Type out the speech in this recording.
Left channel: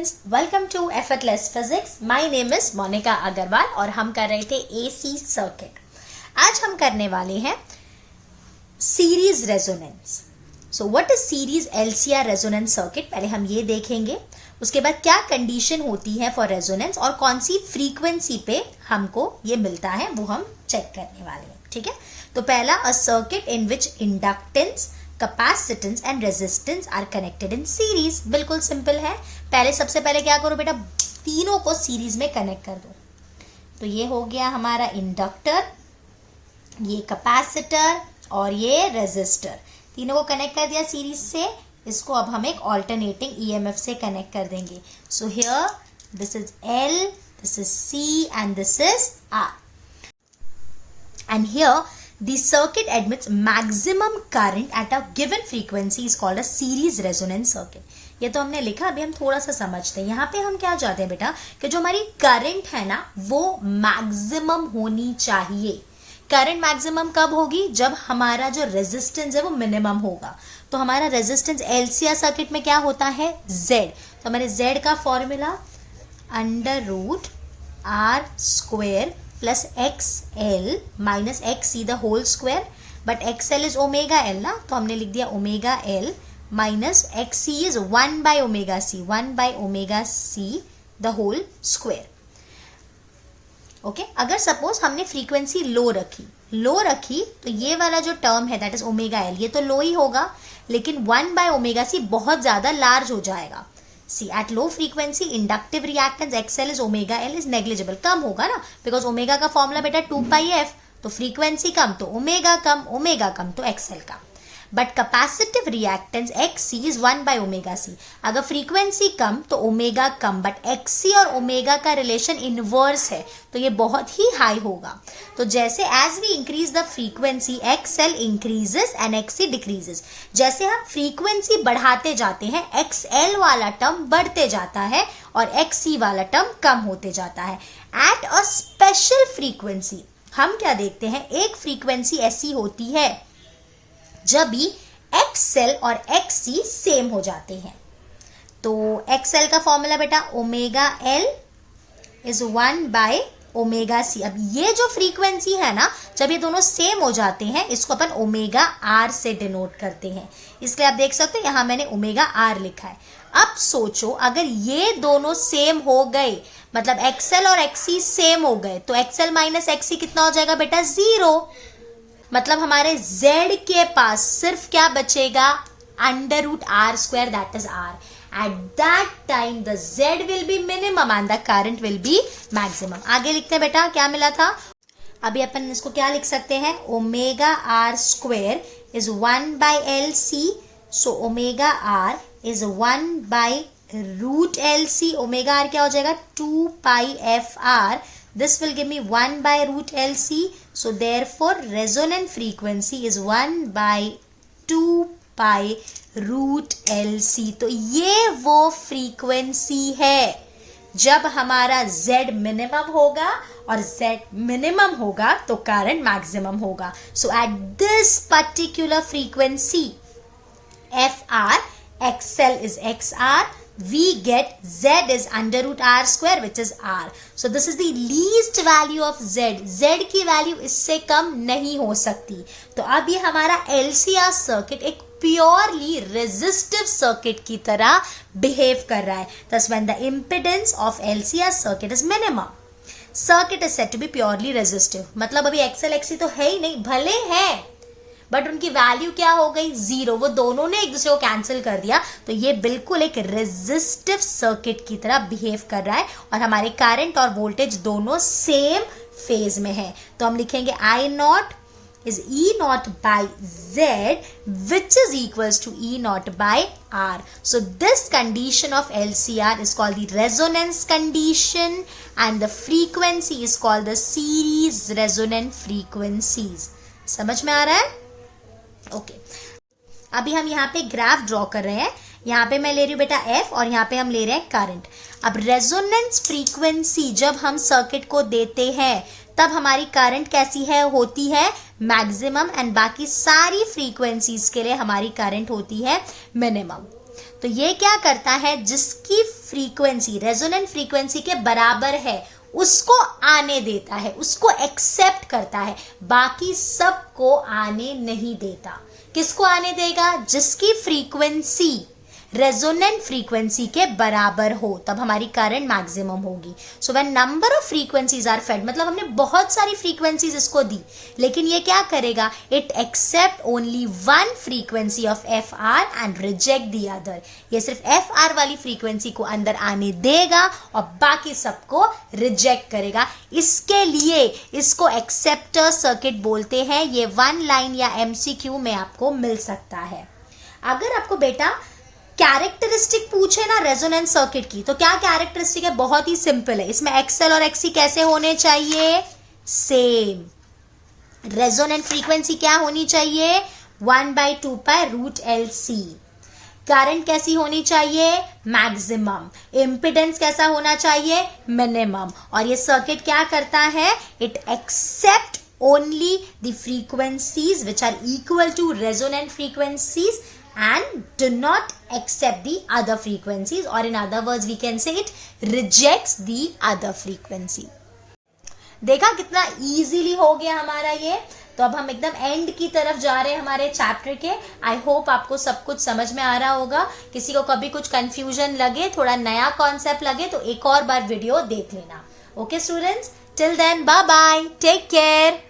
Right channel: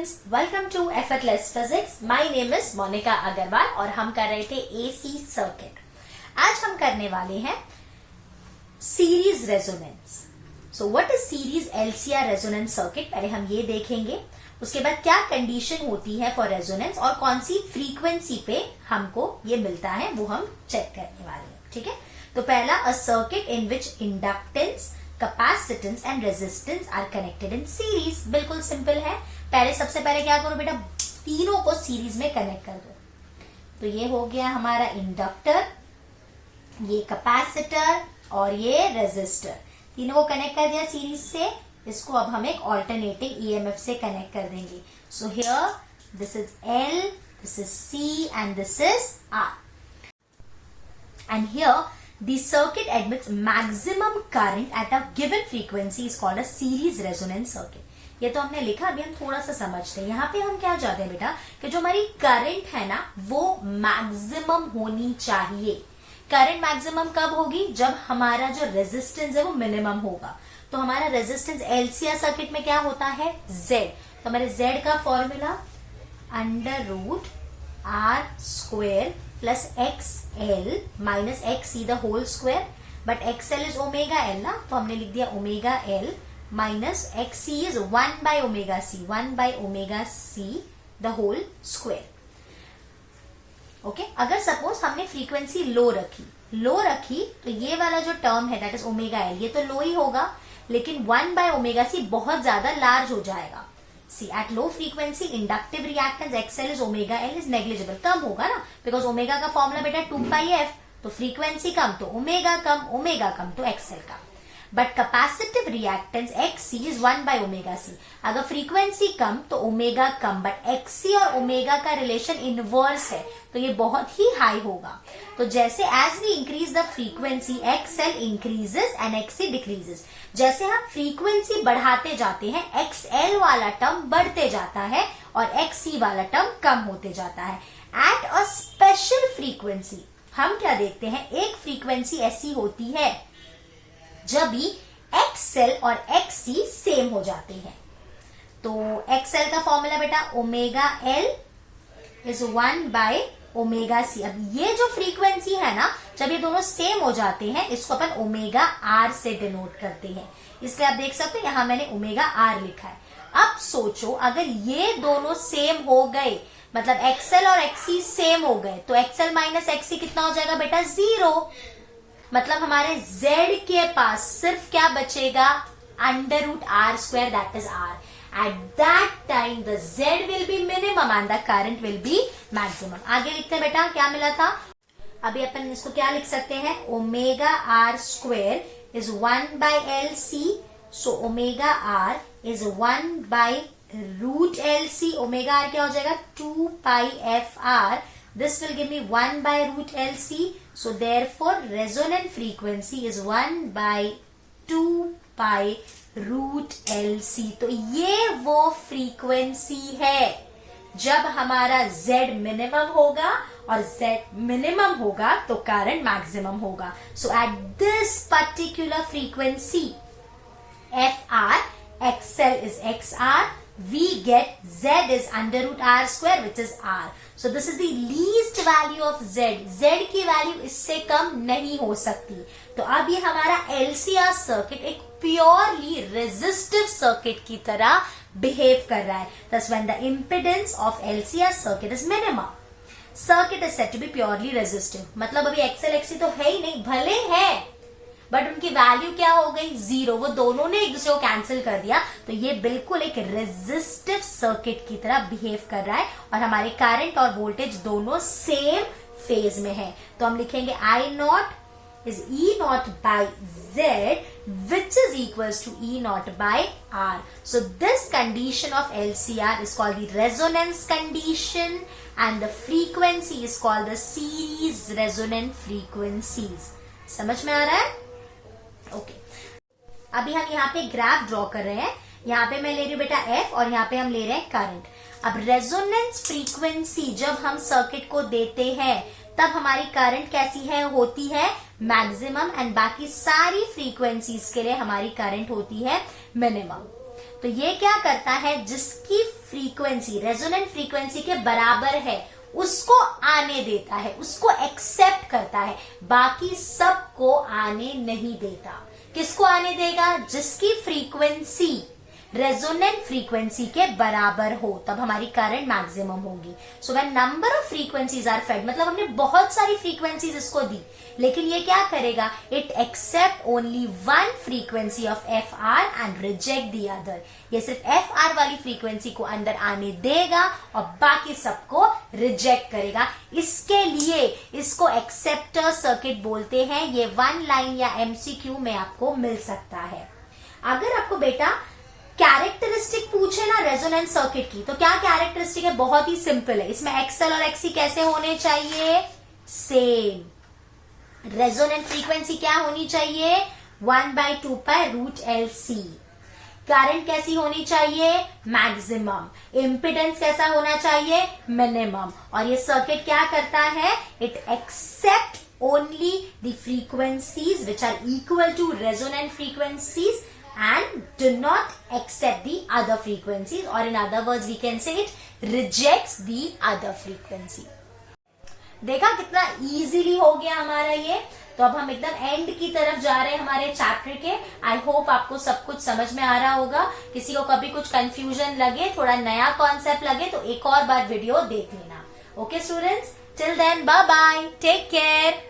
Students, welcome to effortless physics. My name is Monika Agarwal और हम कर रहे थे एसी सर्किट। आज हम करने वाले हैं series resonance. So what is series LCR resonance circuit, पहले हम ये देखेंगे। उसके बाद क्या कंडीशन होती है फॉर रेजोनेंस और कौन सी फ्रीक्वेंसी पे हमको ये मिलता है वो हम चेक करने वाले हैं। ठीक है, तो पहला, a circuit in which inductance, capacitance and resistance R connected in series. बिल्कुल सिंपल है। पहले सबसे पहले क्या करो बेटा, तीनों को सीरीज में कनेक्ट कर दो। तो ये हो गया हमारा इंडक्टर, ये कैपेसिटर और ये रेजिस्टर, तीनों को कनेक्ट कर दिया सीरीज से। इसको अब हम एक ऑल्टरनेटिंग ईएमएफ से कनेक्ट कर देंगे। So here this is L, this is C and this is R. And here the circuit admits maximum current at a given frequency is called a series resonance circuit. ये तो हमने लिखा, अभी हम थोड़ा सा समझते हैं। यहाँ पे हम क्या चाहते हैं बेटा कि जो हमारी करंट है ना वो मैक्सिमम होनी चाहिए। करंट मैक्सिमम कब होगी? जब हमारा जो रेजिस्टेंस है वो मिनिमम होगा। तो हमारा रेजिस्टेंस एलसीआर सर्किट में क्या होता है? Z। तो हमारे Z का formula √R² plus XL minus XC the whole square, but XL is omega L ना, तो हमने लिख दिया omega L minus XC is 1/ωc, 1/ωc the whole square. Okay, अगर सपोज हमने फ्रीक्वेंसी लो रखी तो ये वाला जो टर्म है दैट इज ओमेगा L, ये तो लो ही होगा, लेकिन 1/ωc बहुत ज्यादा लार्ज हो जाएगा। See, at low frequency inductive reactance XL is omega L is negligible, कम होगा ना, बिकॉज ओमेगा का फॉर्मूला बेटा 2πf, तो फ्रीक्वेंसी कम तो ओमेगा कम तो XL कम। But capacitive reactance XC is 1/ωc, अगर फ्रीक्वेंसी कम तो ओमेगा कम, बट XC और ओमेगा का रिलेशन इनवर्स है तो ये बहुत ही हाई होगा। तो जैसे as we increase the frequency XL increases and XC decreases. जैसे हम फ्रीक्वेंसी बढ़ाते जाते हैं XL वाला टर्म बढ़ते जाता है और XC वाला टर्म कम होते जाता है। एट अ स्पेशल फ्रीक्वेंसी हम क्या देखते हैं, एक फ्रीक्वेंसी ऐसी होती है जब भी XL और XC सेम हो जाते हैं। तो XL का फॉर्मूला बेटा ओमेगा L इज 1/ωc। अब ये जो फ्रीक्वेंसी है ना, जब ये दोनों सेम हो जाते हैं इसको अपन ओमेगा R से डिनोट करते हैं। इसलिए आप देख सकते हो यहां मैंने ओमेगा R लिखा है। अब सोचो अगर ये दोनों सेम हो गए, मतलब XL और XC सेम हो गए, तो XL माइनस XC कितना हो जाएगा बेटा? 0। मतलब हमारे Z के पास सिर्फ क्या बचेगा? √R², that is R। At that time the Z will be minimum and the current will be maximum। आगे लिखते हैं बेटा, क्या मिला था? अभी अपन इसको क्या लिख सकते हैं? Omega R² is 1/LC, so omega R is 1/√LC। Omega R क्या हो जाएगा? 2πfR। This will give me 1/√LC, so therefore resonant frequency is 1/2π√LC। तो ये वो फ्रीक्वेंसी है जब हमारा Z मिनिमम होगा, और Z मिनिमम होगा तो करंट मैक्सिमम होगा। So at this particular frequency FR, XL is XR, we get Z is √R², which is R. So this is the least value of Z. Z की value इससे कम नहीं हो सकती। तो अब ये हमारा LCR सर्किट एक प्योरली रेजिस्टिव सर्किट की तरह बिहेव कर रहा है। Thus when the impedance of LCR circuit is minimum, circuit is said to be purely resistive। मतलब अभी XL XC तो है ही नहीं, भले है बट उनकी वैल्यू क्या हो गई? 0। वो दोनों ने एक दूसरे को कैंसिल कर दिया, तो ये बिल्कुल एक रेजिस्टिव सर्किट की तरह बिहेव कर रहा है और हमारे करंट और वोल्टेज दोनों सेम फेज में है। तो हम लिखेंगे I0 is E0/Z which is equals to E0/R. So this condition of LCR is called the resonance condition and the frequency is called the series resonant frequencies। समझ में आ रहा है? ओके, अभी हम यहाँ पे ग्राफ ड्रॉ कर रहे हैं। यहाँ पे मैं ले रही हूँ बेटा F और यहाँ पे हम ले रहे हैं करंट। अब रेजोनेंस फ्रीक्वेंसी जब हम सर्किट को देते हैं तब हमारी करंट कैसी है? होती है मैक्सिमम, एंड बाकी सारी फ्रीक्वेंसीज के लिए हमारी करंट होती है मिनिमम। तो ये क्या करता है, जिसकी फ्रीक्वेंसी रेजोनेंट फ्रीक्वेंसी के बराबर है उसको आने देता है, उसको एक्सेप्ट करता है, बाकी सबको आने नहीं देता। किसको आने देगा? जिसकी फ्रीक्वेंसी रेजोनेंट फ्रीक्वेंसी के बराबर हो, तब हमारी करंट मैक्सिमम होगी। So when number of frequencies are fed, मतलब हमने बहुत सारी फ्रीक्वेंसीज इसको दी, लेकिन ये क्या करेगा? It accept only one frequency of F R and reject the other. ये सिर्फ एफ आर वाली फ्रीक्वेंसी को अंदर आने देगा और बाकी सबको रिजेक्ट करेगा। इसके लिए इसको एक्सेप्टर सर्किट बोलते हैं। ये 1 लाइन या एमसीक्यू में आपको मिल सकता है। अगर आपको बेटा कैरेक्टरिस्टिक पूछे ना रेजोनेंस सर्किट की, तो क्या कैरेक्टरिस्टिक है? बहुत ही सिंपल है। इसमें एक्सएल और एक्सी कैसे होने चाहिए? सेम। रेजोनेंट फ्रीक्वेंसी क्या होनी चाहिए? 1/2 पाई रूट LC। करंट कैसी होनी चाहिए? मैक्सिमम। इम्पिडेंस कैसा होना चाहिए? मिनिमम। और ये सर्किट क्या करता है? It accept only the frequencies which are equal to resonant frequencies and do not accept the other frequencies, or in other words we can say it rejects the other frequency. देखा कितना easily हो गया हमारा ये। तो अब हम एकदम एंड की तरफ जा रहे हैं हमारे चैप्टर के। आई होप आपको सब कुछ समझ में आ रहा होगा। किसी को कभी कुछ कंफ्यूजन लगे, थोड़ा नया कॉन्सेप्ट लगे, तो एक और बार वीडियो देख लेना। Okay students, till then bye bye, take care.